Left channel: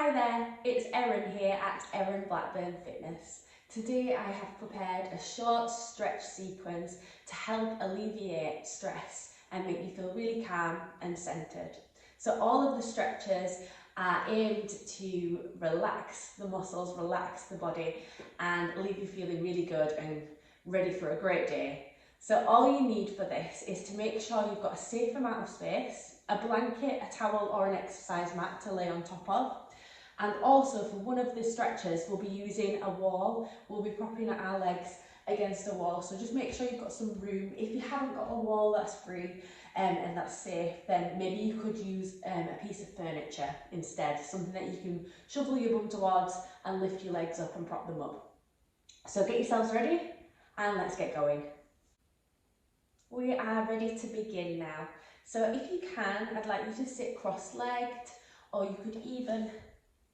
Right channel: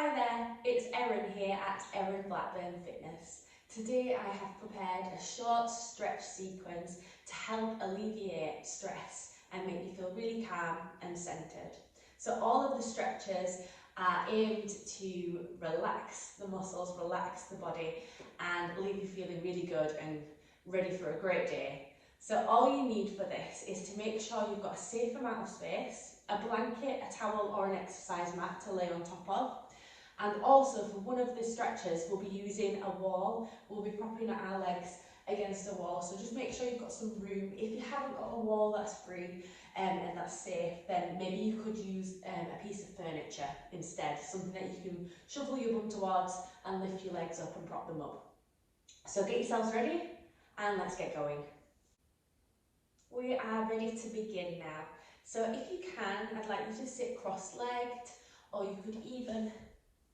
Hi there, it's Erin here at Erin Blackburn Fitness. Today I have prepared a short stretch sequence to help alleviate stress and make you feel really calm and centered. So all of the stretches are aimed to relax the muscles, relax the body and leave you feeling really good and ready for a great day. So all you need for this is to make sure you've got a safe amount of space, a blanket, a towel or an exercise mat to lay on top of. And also for one of the stretches, we'll be using a wall. We'll be propping our legs against a wall. So just make sure you've got some room. If you haven't got a wall that's free and that's safe, then maybe you could use a piece of furniture instead. Something that you can shovel your bum towards and lift your legs up and prop them up. So get yourselves ready and let's get going. We are ready to begin now. So if you can, I'd like you to sit cross-legged, or you could even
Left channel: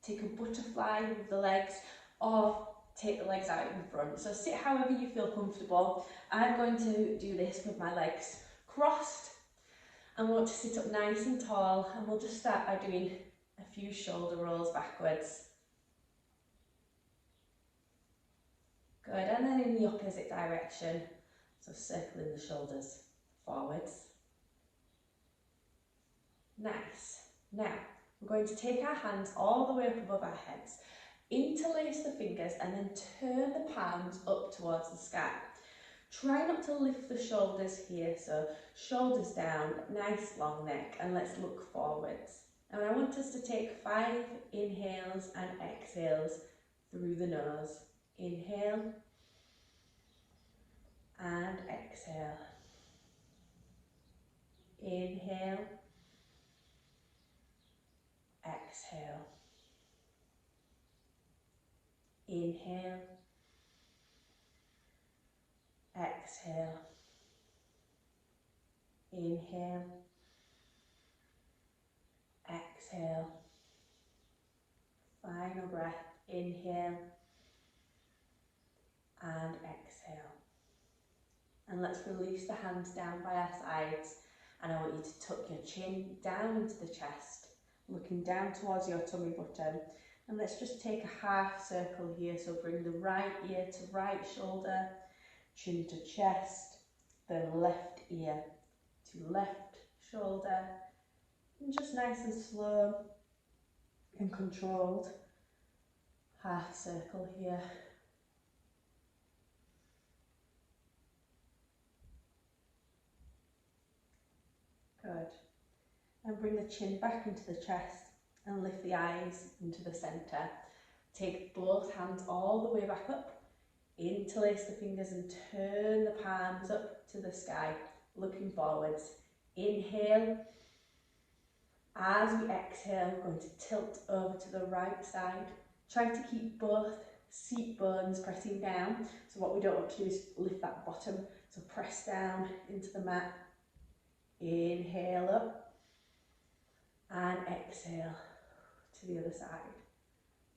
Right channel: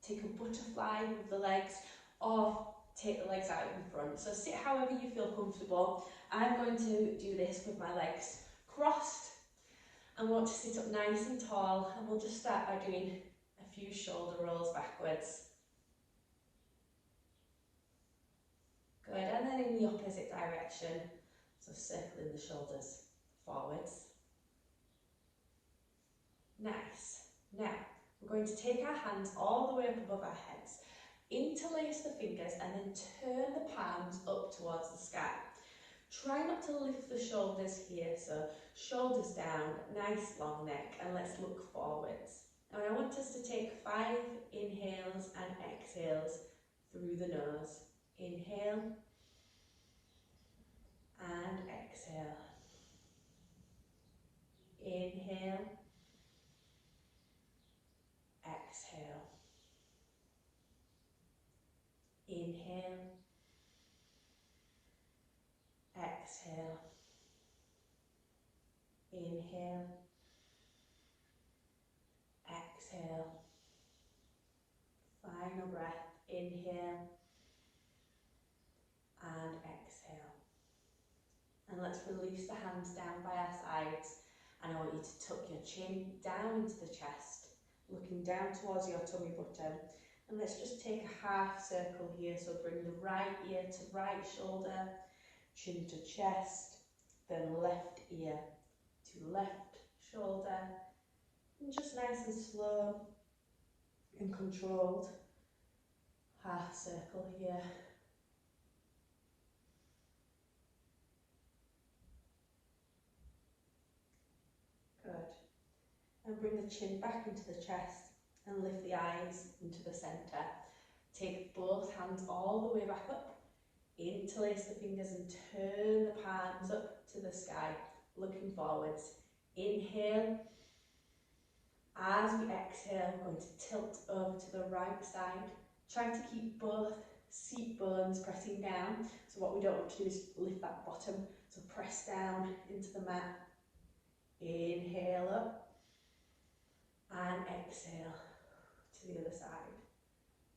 take a butterfly with the legs or take the legs out in front. So sit however you feel comfortable. I'm going to do this with my legs crossed. I want to sit up nice and tall, and we'll just start by doing a few shoulder rolls backwards. Good, and then in the opposite direction. So circling the shoulders forwards. Nice. Now, we're going to take our hands all the way up above our heads, interlace the fingers and then turn the palms up towards the sky. Try not to lift the shoulders here, so shoulders down, nice long neck, and let's look forwards. And I want us to take 5 inhales and exhales through the nose. Inhale and exhale. Inhale. Exhale. Inhale. Exhale. Inhale. Exhale. Final breath. Inhale and exhale. And let's release the hands down by our sides. And I want you to tuck your chin down into the chest, looking down towards your tummy button. And let's just take a half circle here. So bring the right ear to right shoulder, chin to chest, then left ear to left shoulder. And just nice and slow and controlled. Half circle here. Good. And bring the chin back into the chest and lift the eyes into the centre. Take both hands all the way back up. Interlace the fingers and turn the palms up to the sky, looking forwards. Inhale. As we exhale, we're going to tilt over to the right side. Try to keep both seat bones pressing down. So what we don't want to do is lift that bottom. So press down into the mat. Inhale up and exhale to the other side.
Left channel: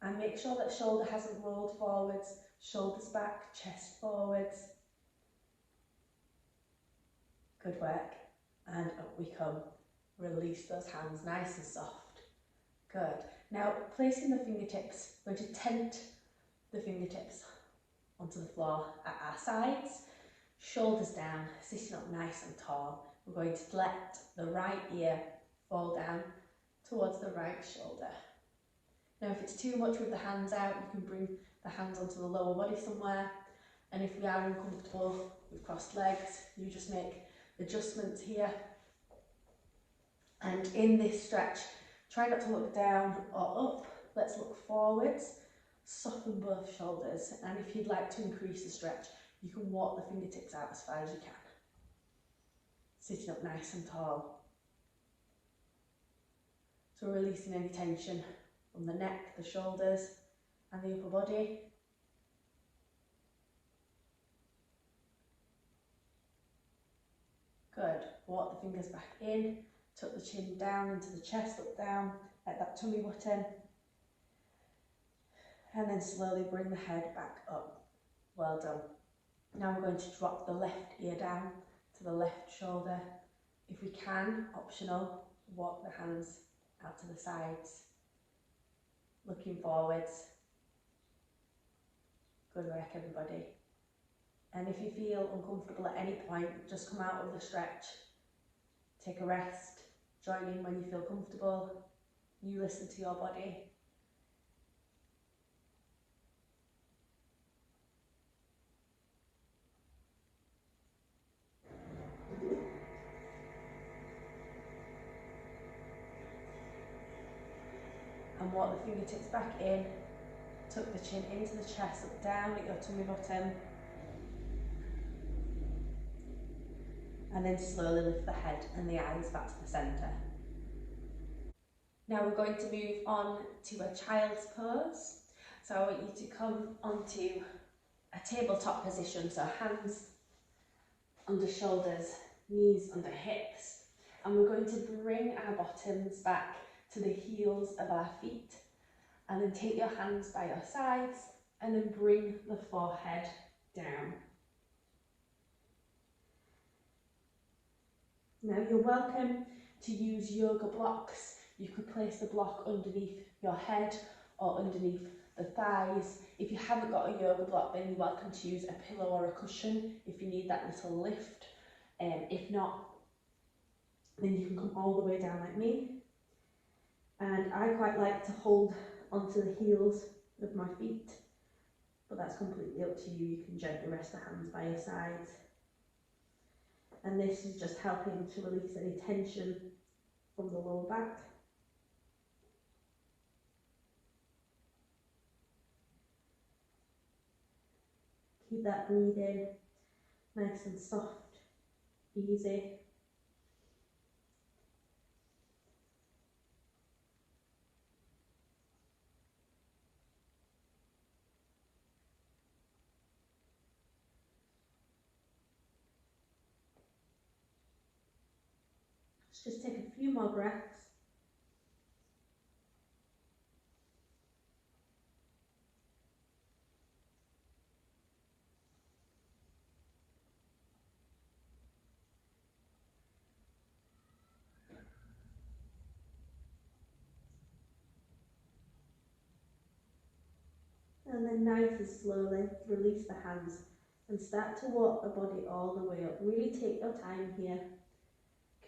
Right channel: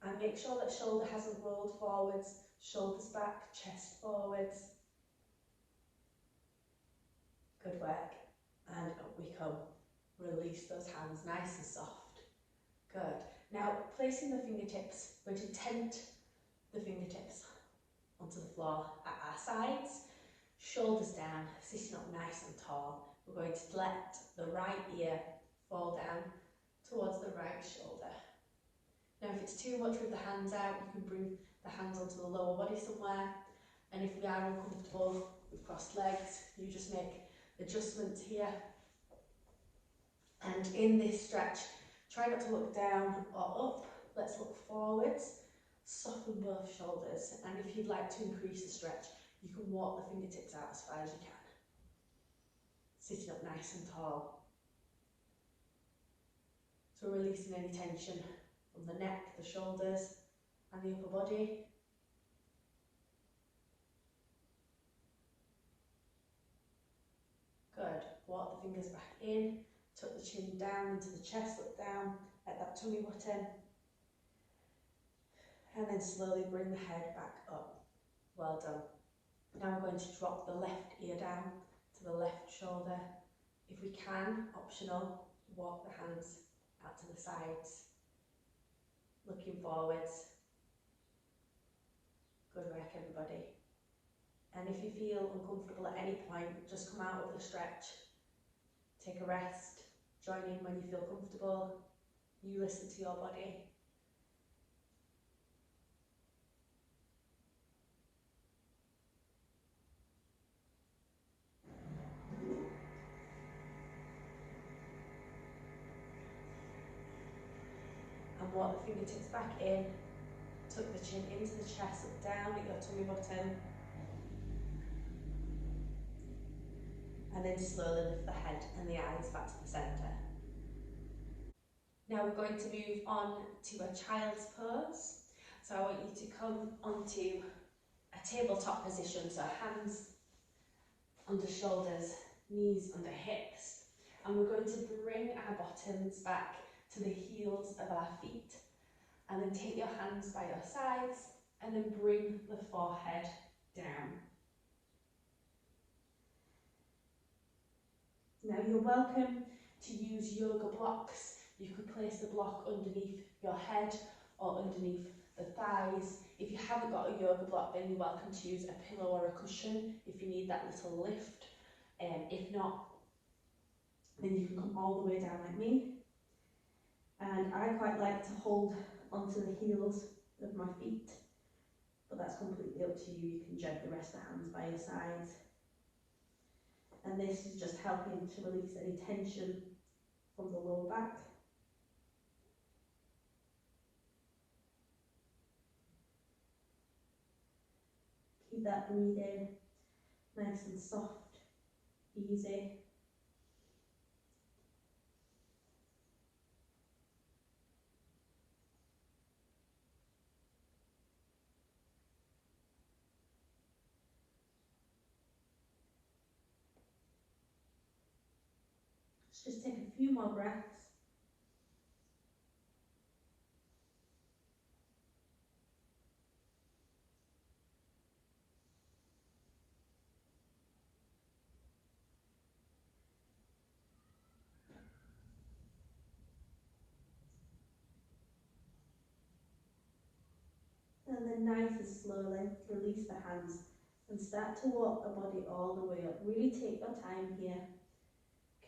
And make sure that shoulder hasn't rolled forwards, shoulders back, chest forwards. Good work. And up we come. Release those hands nice and soft. Good. Now placing the fingertips, we're going to tent the fingertips onto the floor at our sides, shoulders down, sitting up nice and tall. We're going to let the right ear fall down towards the right shoulder. Now if it's too much with the hands out, you can bring the hands onto the lower body somewhere. And if we are uncomfortable with crossed legs, you just make adjustments here. And in this stretch, try not to look down or up. Let's look forwards, soften both shoulders. And if you'd like to increase the stretch, you can walk the fingertips out as far as you can. Sitting up nice and tall. So releasing any tension from the neck, the shoulders and the upper body. Good. Walk the fingers back in, tuck the chin down into the chest, look down at that tummy button. And then slowly bring the head back up. Well done. Now we're going to drop the left ear down to the left shoulder. If we can, optional, walk the hands out to the sides. looking forwards. Good work, everybody. And if you feel uncomfortable at any point, just come out of the stretch, take a rest, join in when you feel comfortable. You listen to your body. And walk the fingertips back in, tuck the chin into the chest, look down at your tummy button. And then slowly lift the head and the eyes back to the centre. Now we're going to move on to a child's pose. So I want you to come onto a tabletop position, so hands under shoulders, knees under hips. And we're going to bring our bottoms back to the heels of our feet. And then take your hands by your sides and then bring the forehead down. Now you're welcome to use yoga blocks. You could place the block underneath your head or underneath the thighs. If you haven't got a yoga block, then you're welcome to use a pillow or a cushion if you need that little lift. If not, then you can come all the way down like me. And I quite like to hold onto the heels of my feet, but that's completely up to you. You can gently rest the hands by your sides. And this is just helping to release any tension from the lower back. Keep that breathing nice and soft, easy. Let's just take a few more breaths. And then nice and slowly release the hands and start to walk the body all the way up. Really take your time here,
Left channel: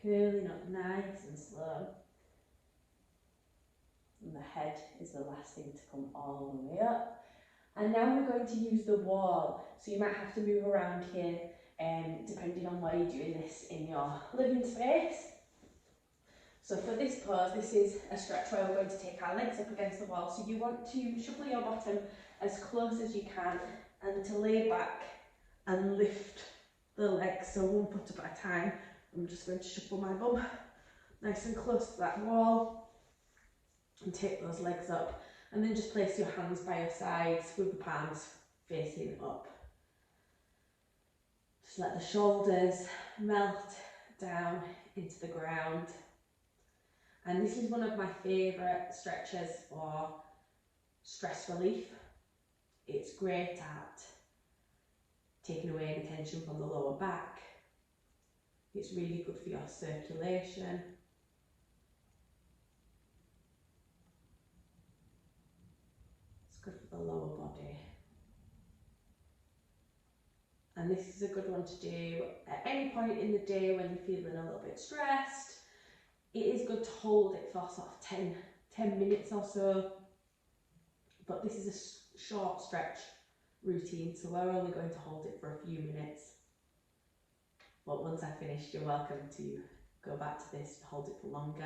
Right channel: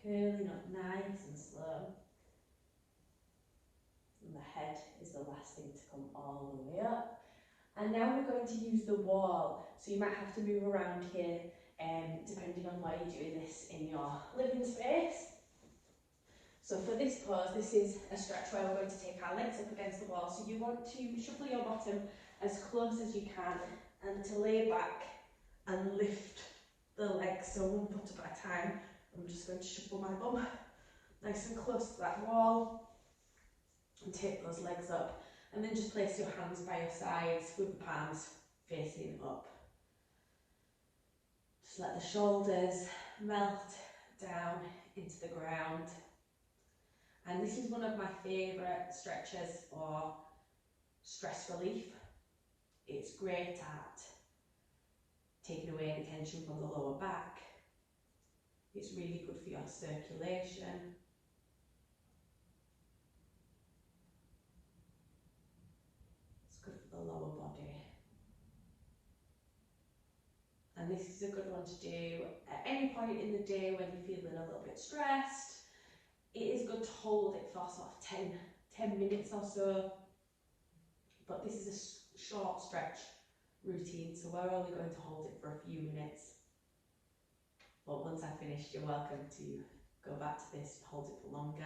curling up nice and slow. And the head is the last thing to come all the way up. And now we're going to use the wall. So you might have to move around here depending on where you're doing this in your living space. So for this pose, this is a stretch where we're going to take our legs up against the wall. So you want to shuffle your bottom as close as you can and to lay back and lift the legs, so one foot up at a time. I'm just going to shuffle my bum nice and close to that wall and take those legs up, and then just place your hands by your sides with the palms facing up. Just let the shoulders melt down into the ground. And this is one of my favourite stretches for stress relief. It's great at taking away any tension from the lower back. It's really good for your circulation. It's good for the lower body. And this is a good one to do at any point in the day when you're feeling a little bit stressed. It is good to hold it for sort of 10 minutes or so, but this is a short stretch routine, so we're only going to hold it for a few minutes. But once I've finished, you're welcome to go back to this and hold it for longer.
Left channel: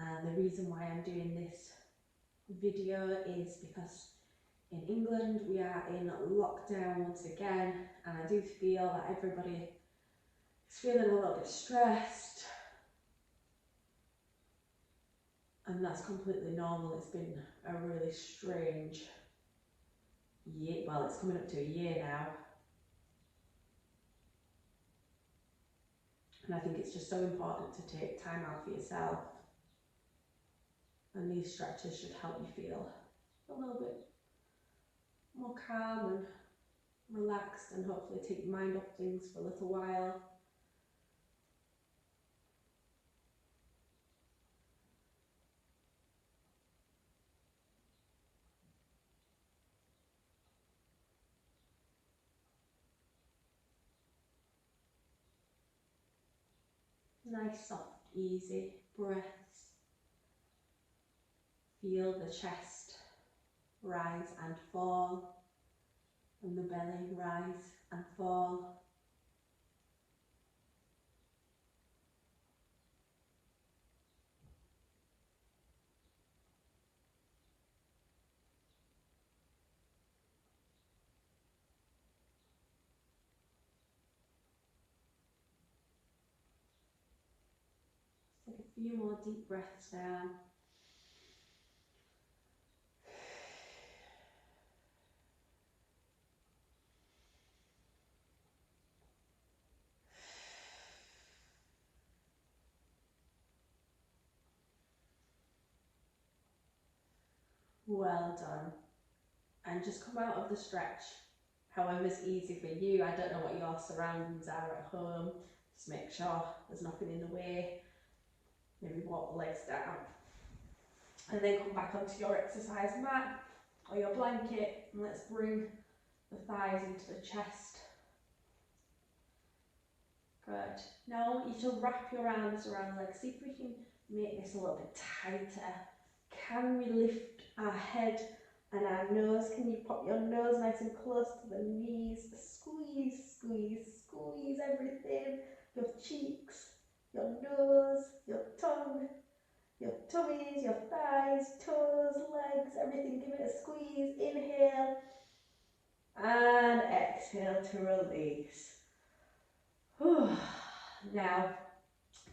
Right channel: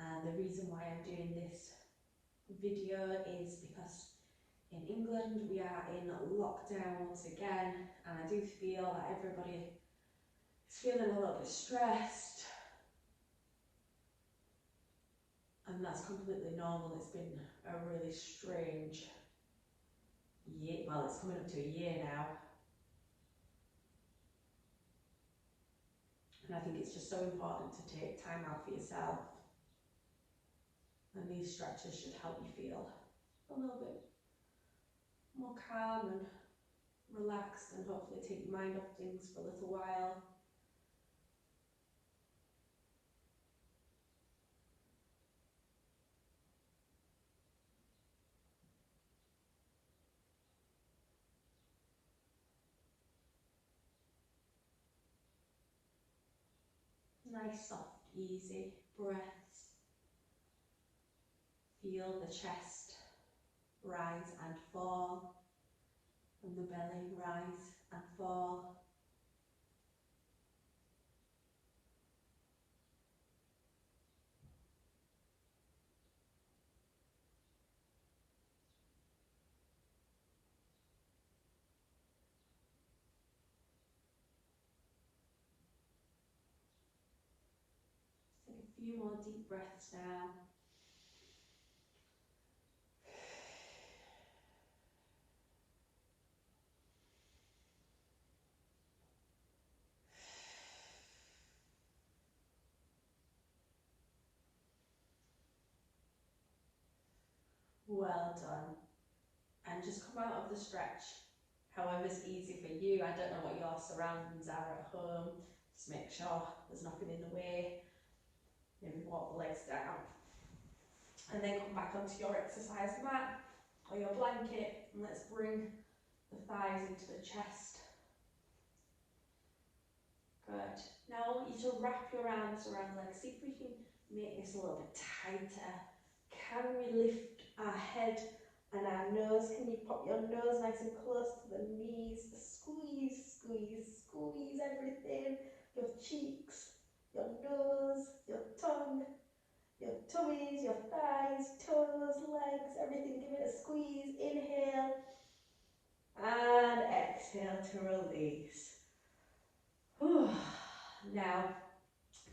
And the reason why I'm doing this video is because in England we are in lockdown once again, and I do feel that everybody is feeling a little bit stressed, and that's completely normal. It's been a really strange year, well, it's coming up to a year now. And I think it's just so important to take time out for yourself. And these stretches should help you feel a little bit more calm and relaxed, and hopefully take your mind off things for a little while. Nice, soft, easy breaths. Feel the chest rise and fall, and the belly rise and fall. Take a few more deep breaths now. Well done. And just come out of the stretch however's easy for you. I don't know what your surroundings are at home. Just make sure there's nothing in the way. Maybe walk the legs down. And then come back onto your exercise mat or your blanket, and let's bring the thighs into the chest. Good. Now I want you to wrap your arms around the legs. See if we can make this a little bit tighter. Can we lift our head and our nose? Can you pop your nose nice and close to the knees? Squeeze, squeeze, squeeze everything. Your cheeks, your nose, your tongue, your tummies, your thighs, toes, legs, everything. Give it a squeeze. Inhale and exhale to release. Whew. Now,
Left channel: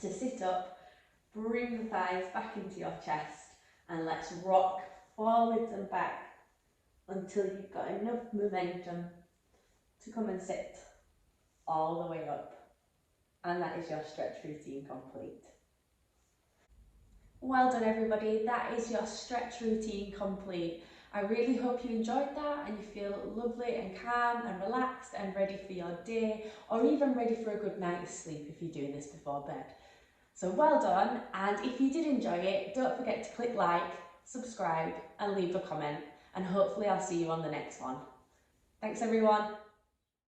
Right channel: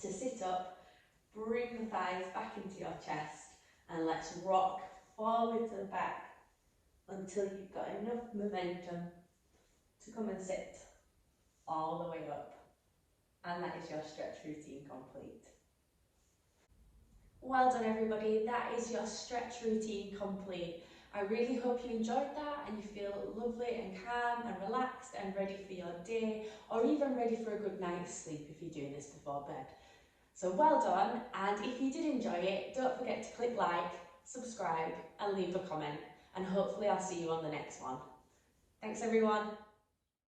to sit up, bring the thighs back into your chest, and let's rock forwards and back until you've got enough momentum to come and sit all the way up. And that is your stretch routine complete. Well done everybody, that is your stretch routine complete. I really hope you enjoyed that and you feel lovely and calm and relaxed and ready for your day, or even ready for a good night's sleep if you're doing this before bed. So well done, and if you did enjoy it, don't forget to click like, subscribe and leave a comment, and hopefully I'll see you on the next one. Thanks everyone.